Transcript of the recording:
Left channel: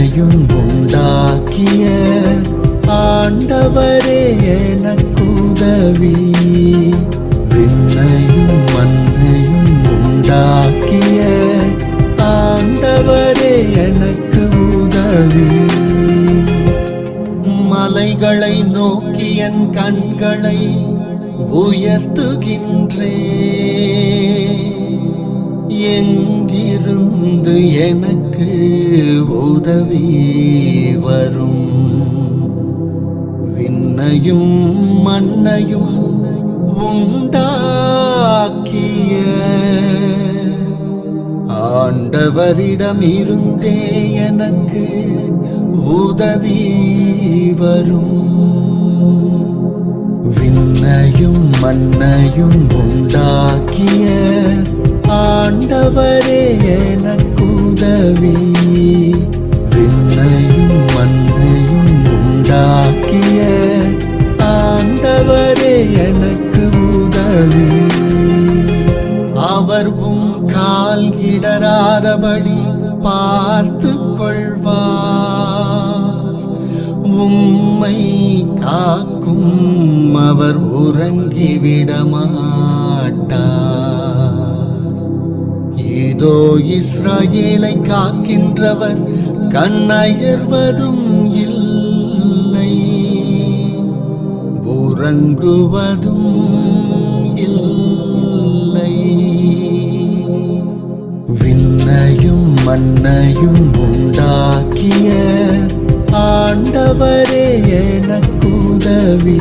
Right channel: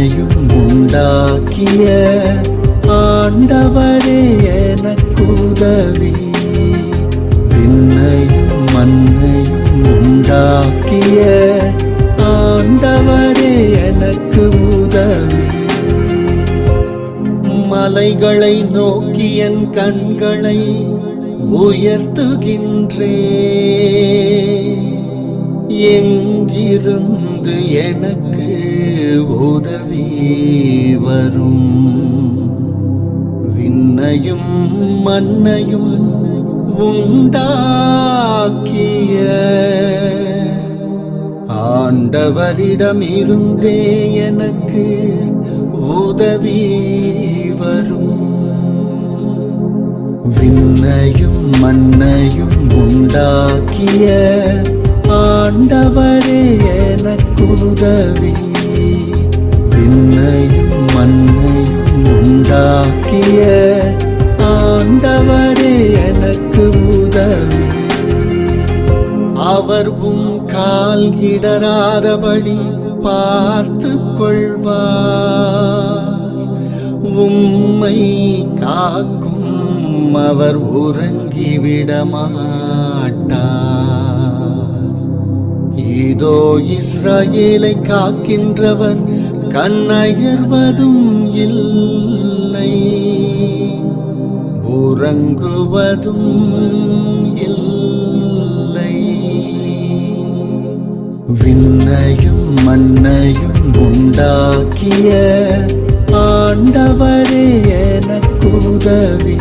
விண்ணையும் உண்டாக்கிய ஆண்டவரே எனக்குதவி. விண்ணையும் மண்ணையும் உண்டாக்கிய ஆண்டவரே எனக்கு உதவி. மலைகளை நோக்கி என் கண்களை உயர்த்துகின்றே. எங்கிருந்து எனக்கு உதவி வரும்? விண்ணையும் மண்ணையும் உண்டாக்கிய ஆண்டவரிடமிருந்தே எனக்கு உதவி வரும். விண்ணையும் மண்ணையும் உண்டாக்கிய ஆண்டவரே எனக்கு உதவி. விண்ணையும் மண்ணையும் உண்டாக்கிய ஆண்டவரே எனக்கு உதவி. அவர் கால் இடராதபடி பார்த்து கொள்வார். உம்மை காக்கும் அவர் உறங்கிவிடமாட்டார். இதோ இஸ்ரவேலை காக்கின்றவர் கண்ணயர்வதும் இல்லை, உறங்குவதும் இல்லை. விண்ணையும் மண்ணையும் உண்டாக்கிய ஆண்டவரே எனக்கு உதவி.